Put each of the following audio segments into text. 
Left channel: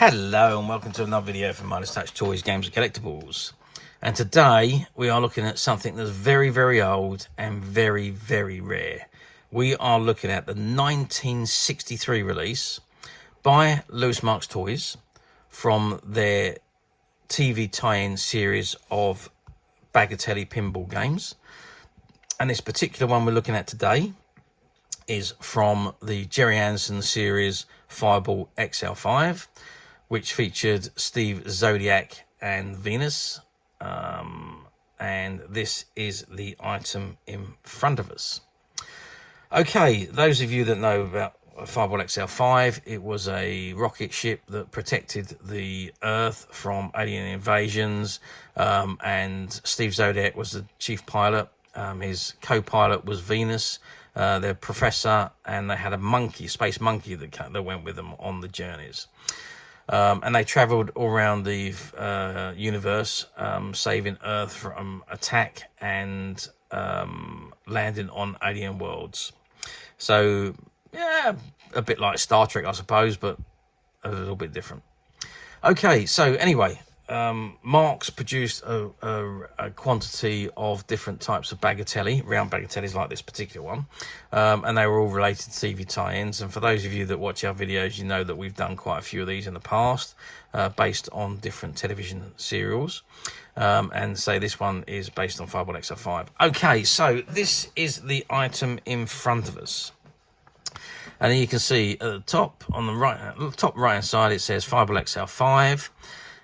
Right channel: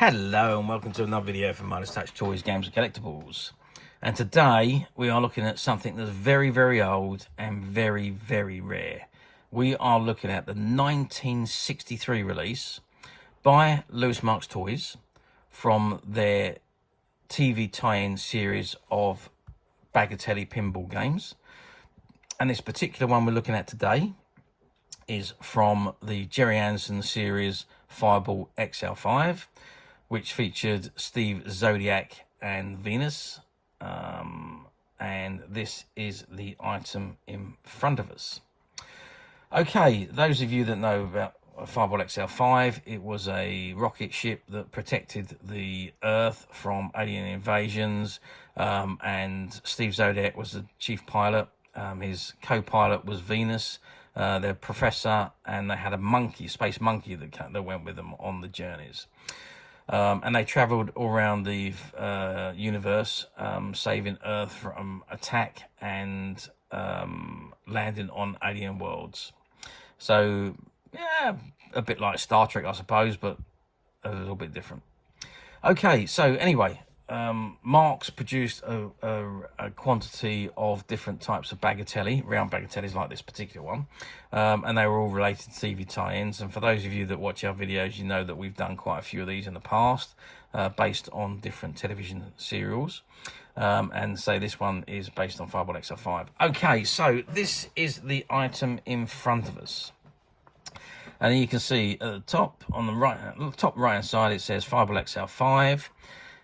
Hello and welcome to another video from Midas Touch Toys, Games and Collectibles. And today we are looking at something that's very old and very rare. We are looking at the 1963 release by Louis Marx Toys from their TV tie-in series of Bagatelle pinball games. And this particular one we're looking at today is from the Gerry series Fireball XL5, which featured Steve Zodiac and Venus. And this is the item in front of us. Okay, those of you that know about Fireball XL5, it was a rocket ship that protected the Earth from alien invasions, and Steve Zodiac was the chief pilot. His co-pilot was Venus, their professor, and they had a monkey, space monkey that went with them on the journeys. And they travelled all around the universe, saving Earth from attack and landing on alien worlds. So, yeah, a bit like Star Trek, I suppose, but a little bit different. Okay, so anyway, Marx produced a quantity of different types of bagatelle, round bagatelles like this particular one, and they were all related to TV tie-ins. And for those of you that watch our videos, you know that we've done quite a few of these in the past, based on different television serials, and say this one is based on Fireball XL5. Okay, so this is the item in front of us. And you can see at the top, on the top right hand side, it says Fireball XL5.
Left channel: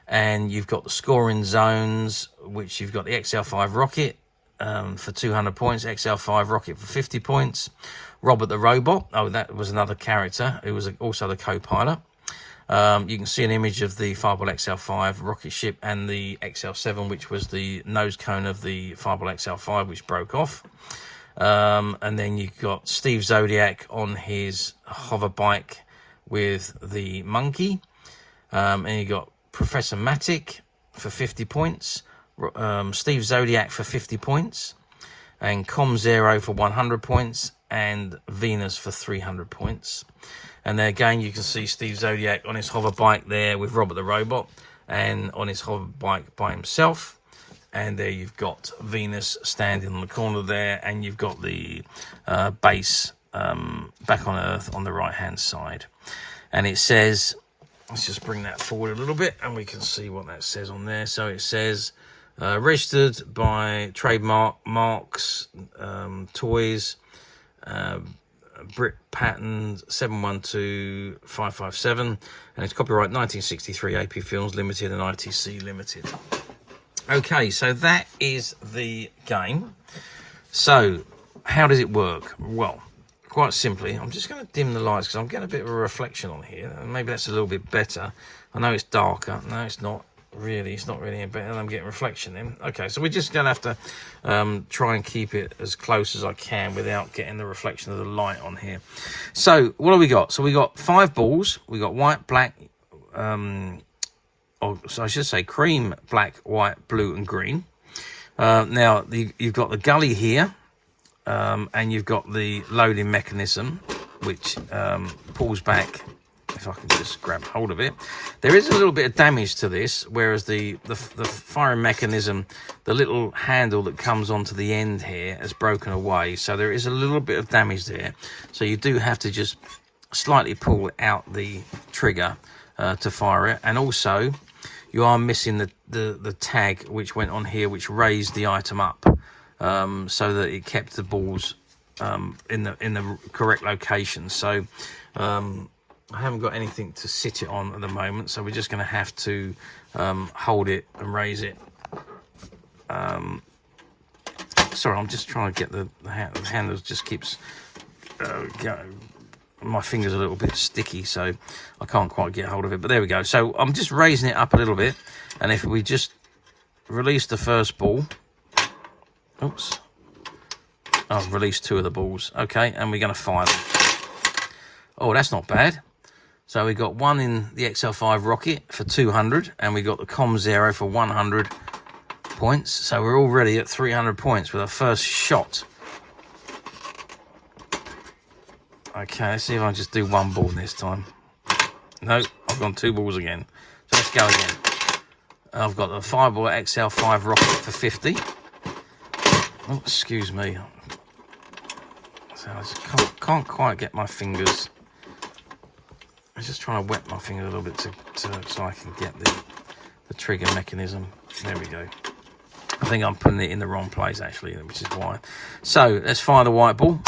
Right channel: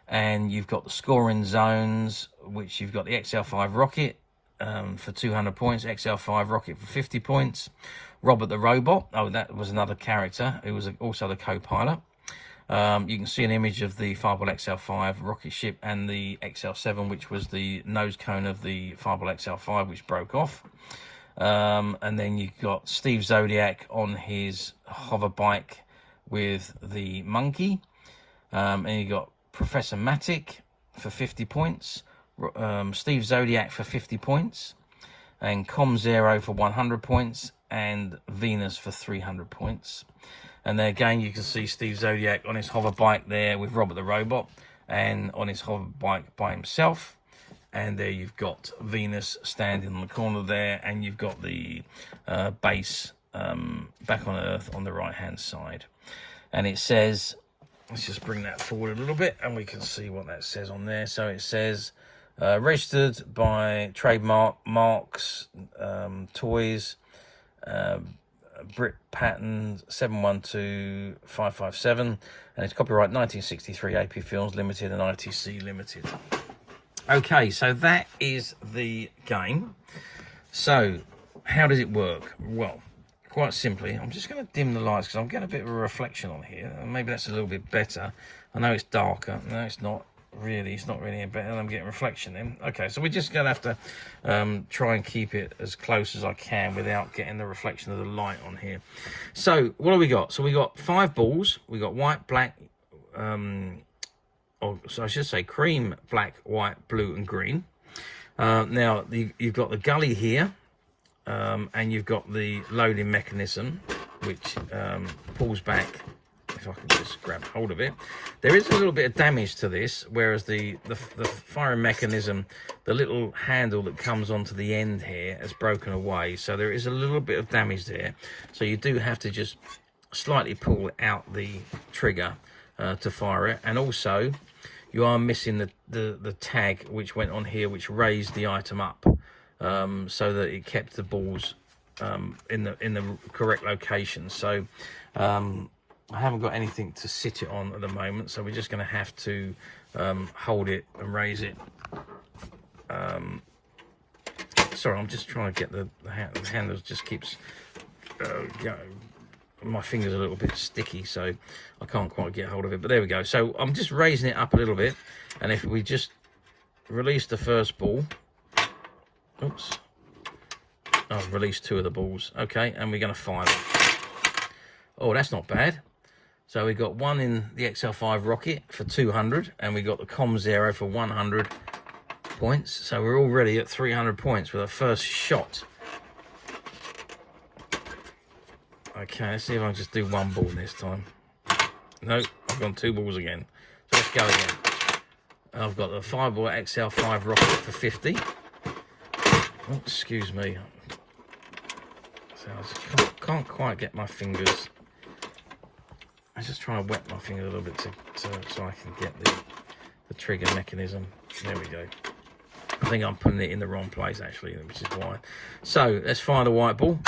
And you've got the scoring zones, which you've got the XL5 Rocket for 200 points, XL5 Rocket for 50 points, Robert the Robot, oh, that was another character who was also the co-pilot. You can see an image of the Fireball XL5 rocket ship and the XL7, which was the nose cone of the Fireball XL5, which broke off. And then you've got Steve Zodiac on his hover bike with the monkey. And you got Professor Matic for 50 points, Steve Zodiac for 50 points, and Com Zero for 100 points, and Venus for 300 points. And there again, you can see Steve Zodiac on his hover bike there with Robert the Robot, and on his hover bike by himself. And there you've got Venus standing on the corner there, and you've got the base back on Earth on the right-hand side. And it says, let's just bring that forward a little bit and we can see what that says on there. So it says, registered by trademark Marx Toys, Brit Patent 712557, and it's copyright 1963 AP Films Limited and ITC Limited. Okay, so that is the game. So how does it work? Well, quite simply, I'm just going to dim the lights because I'm getting a bit of a reflection on here, and maybe that's a little bit better. I know it's darker. No, it's not really. It's not really better. I'm getting reflection in. Okay, so we're just going to have to try and keep it as close as I can without getting the reflection of the light on here. So what have we got? So we got 5 balls. We got white, black, so I should say cream, black, white, blue, and green. Now you've got the gully here. And you've got the loading mechanism, which pulls back. If I can just grab hold of it, there is a little bit of damage to this, whereas the firing mechanism, the little handle that comes onto the end here, has broken away. So there is a little bit of damage there. So you do have to just slightly pull out the trigger to fire it, and also you are missing the tag which went on here, which raised the item up. So that it kept the balls in the correct location. So I haven't got anything to sit it on at the moment, so we're just going to have to hold it and raise it. Sorry, I'm just trying to get the handle just keeps going. My finger's a little bit sticky, so I can't quite get hold of it, but there we go. So I'm just raising it up a little bit, and if we just release the first ball. Oops, I've released 2 of the balls. Okay, and we're going to fire them. Oh, that's not bad. So we got 1 in the XL5 Rocket for 200, and we got the Com Zero for 100 points. So we're already at 300 points with our first shot. Okay, let's see if I can just do 1 ball this time. No, I've gone 2 balls again. So let's go again. I've got the Fireball XL5 rocket for 50. Oh, excuse me. So I just can't quite get my fingers. I'm just trying to wet my finger a little bit so I can get the trigger mechanism. There we go. I think I'm putting it in the wrong place, actually, which is why. So let's fire the white ball.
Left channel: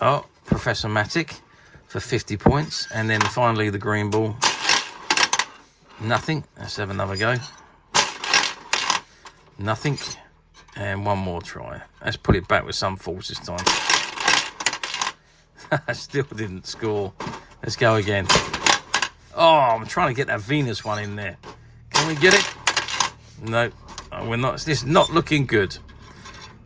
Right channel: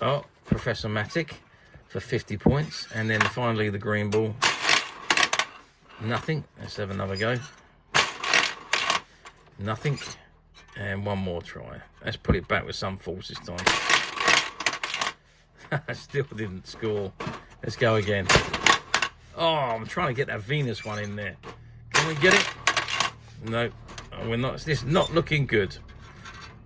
Oh, Professor Matic for 50 points. And then finally the green ball. Nothing. Let's have another go. Nothing. And one more try. Let's put it back with some force this time. I still didn't score. Let's go again. Oh, I'm trying to get that Venus one in there. Can we get it? No, we're not. This is not looking good.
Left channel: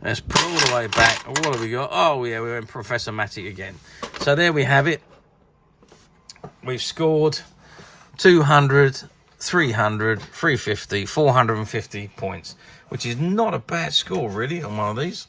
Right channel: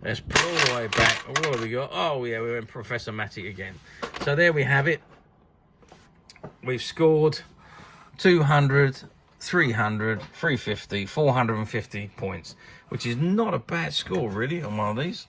Let's put all the way back. What have we got? Oh, yeah, we're in Professor Matic again. So there we have it. We've scored 200, 300, 350, 450 points, which is not a bad score, really, on one of these.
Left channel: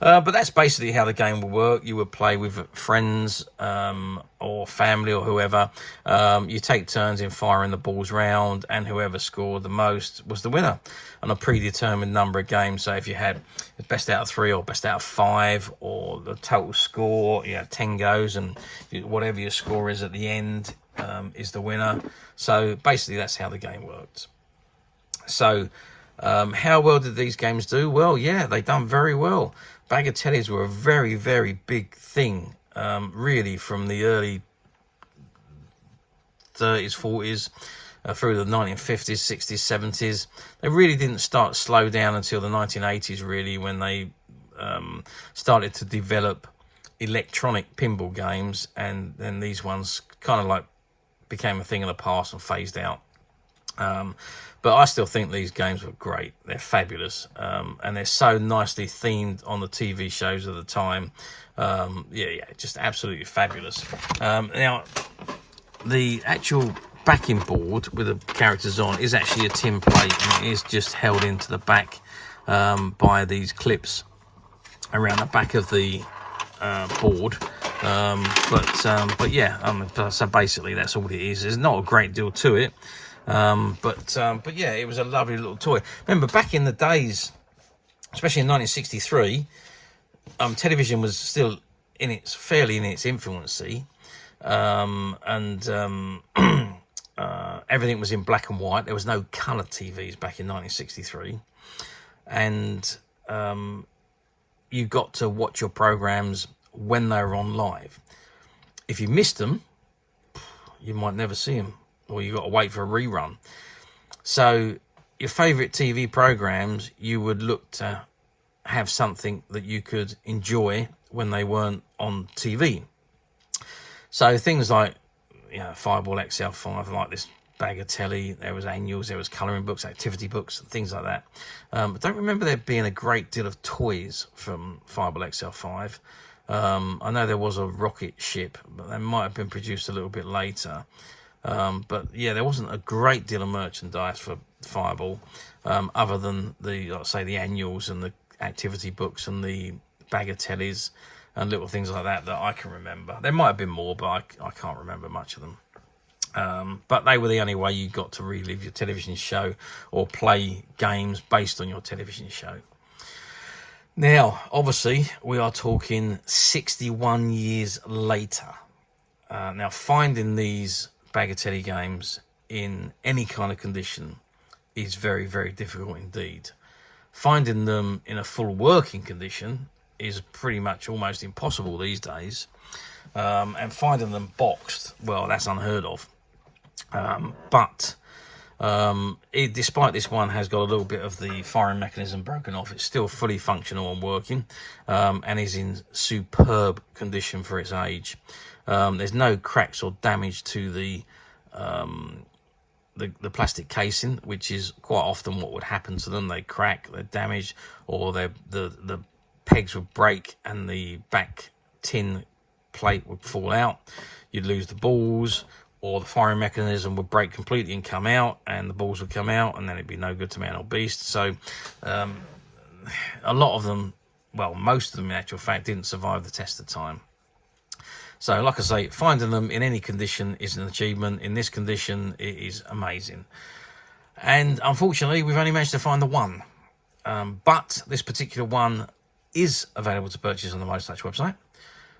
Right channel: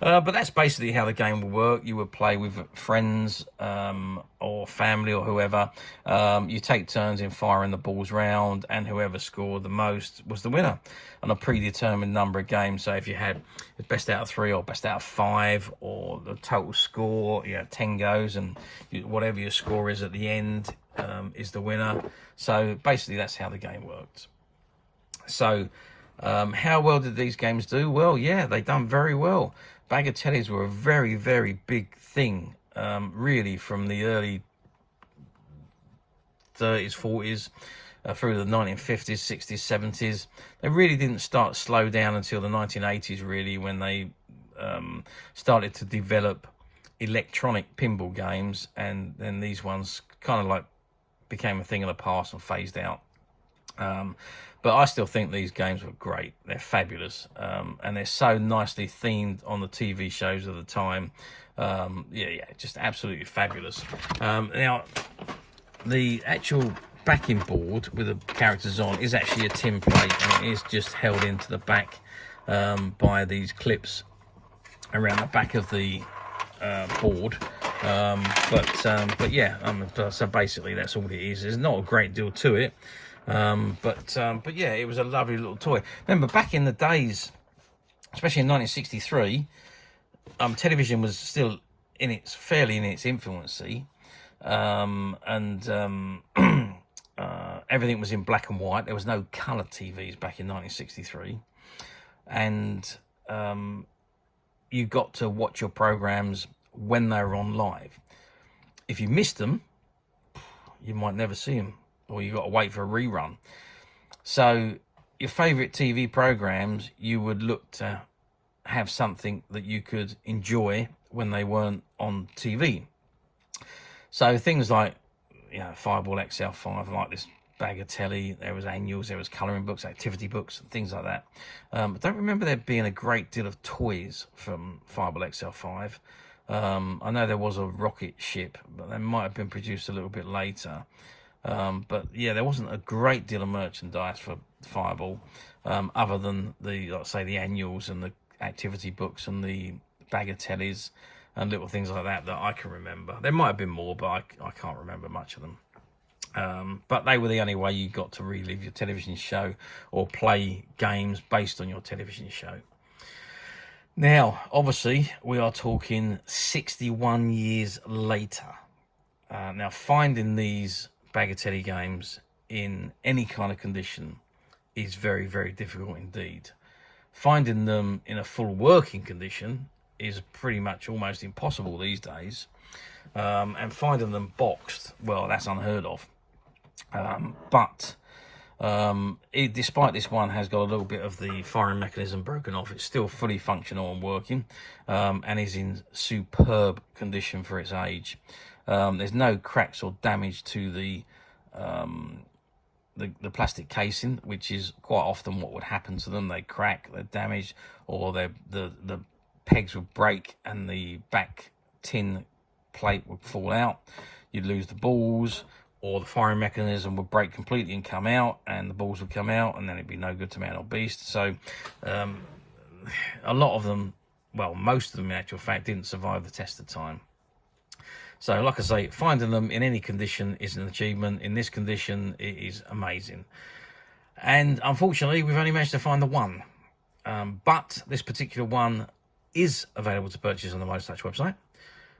But that's basically how the game will work. You would play with friends or family or whoever. You take turns in firing the balls round, and whoever scored the most was the winner on a predetermined number of games. So if you had the best out of 3 or best out of 5 or the total score, 10 goes, and whatever your score is at the end is the winner. So basically that's how the game works. So how well did these games do? Well, yeah, they done very well. Bagatelles were a very, very big thing, really, from the early 30s, 40s, through the 1950s, 60s, 70s. They really didn't start to slow down until the 1980s, really, when they started to develop electronic pinball games, and then these ones kind of like became a thing of the past and phased out. But I still think these games were great. They're fabulous. And they're so nicely themed on the TV shows of the time. Just absolutely fabulous. Now, the actual backing board with the characters on is actually a tin plate, and it is just held into the back by these clips around the back of the board. So basically that's all it is. There's not a great deal to it. But yeah, it was a lovely little toy. Remember, back in the days, especially in 1963, television was still fairly in its infancy, everything was in black and white. There was no colour TVs back in 1963, and you got to watch your programs when they were on live. If you missed them, you might never see them, or you got to wait for a rerun. So your favourite TV programs, you would look to have something that you could enjoy when they weren't on TV. So things like, Fireball XL5, like this Bagatelle, there was annuals, there was colouring books, activity books, things like that. But don't remember there being a great deal of toys from Fireball XL5. I know there was a rocket ship, but they might have been produced a little bit later. But yeah, there wasn't a great deal of merchandise for Fireball, other than the annuals and the activity books and the bagatelles and little things like that I can remember. There might have been more, but I can't remember much of them. But they were the only way you got to relive your television show or play games based on your television show. Now, obviously, we are talking 61 years later. Now, finding these Bagatelle games in any kind of condition is very, very difficult indeed. Finding them in a full working condition is pretty much almost impossible these days. And finding them boxed, well, that's unheard of. Despite this one has got a little bit of the firing mechanism broken off, it's still fully functional and working, and is in superb condition for its age. There's no cracks or damage to the plastic casing, which is quite often what would happen to them. They crack, they're damaged, or the pegs would break and the back tin plate would fall out. You'd lose the balls, or the firing mechanism would break completely and come out, and the balls would come out, and then it'd be no good to man or beast. So a lot of them, well, most of them in actual fact, didn't survive the test of time. So like I say, finding them in any condition is an achievement. In this condition, it is amazing. And unfortunately, we've only managed to find the one. But this particular one is available to purchase on the Most Touch website,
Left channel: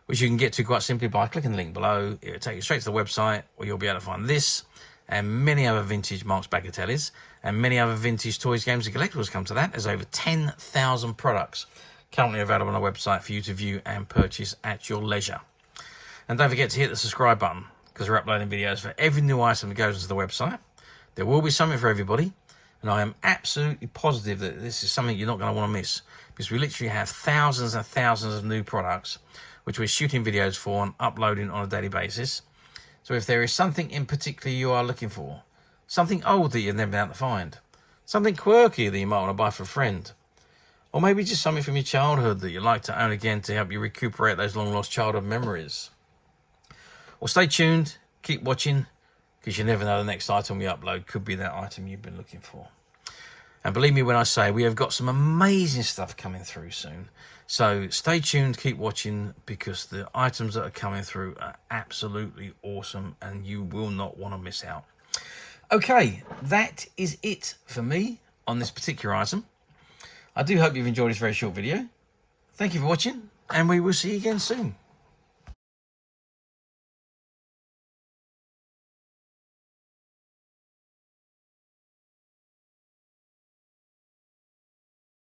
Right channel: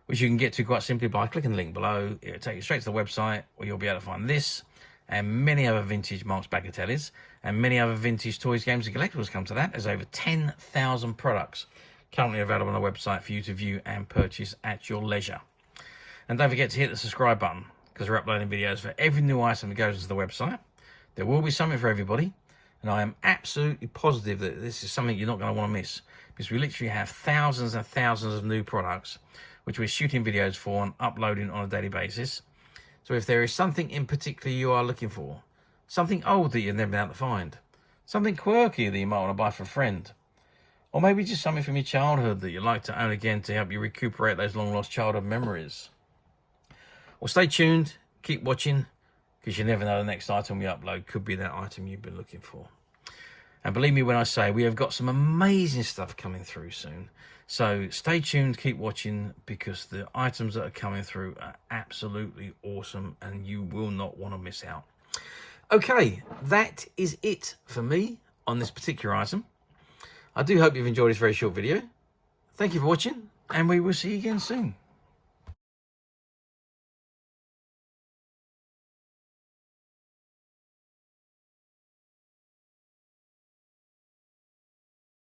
which you can get to quite simply by clicking the link below. It'll take you straight to the website where you'll be able to find this and many other vintage Marx Bagatelles and many other vintage toys, games and collectibles come to that. There's over 10,000 products currently available on our website for you to view and purchase at your leisure. And don't forget to hit the subscribe button, because we're uploading videos for every new item that goes to the website. There will be something for everybody, and I am absolutely positive that this is something you're not going to want to miss, because we literally have thousands and thousands of new products which we're shooting videos for and uploading on a daily basis. So if there is something in particular you are looking for, something old that you've never been able to find, something quirky that you might want to buy for a friend, or maybe just something from your childhood that you'd like to own again to help you recuperate those long lost childhood memories, well, stay tuned, keep watching, because you never know, the next item we upload could be that item you've been looking for. And believe me when I say we have got some amazing stuff coming through soon. So stay tuned, keep watching, because the items that are coming through are absolutely awesome and you will not want to miss out. Okay, that is it for me on this particular item. I do hope you've enjoyed this very short video. Thank you for watching, and we will see you again soon.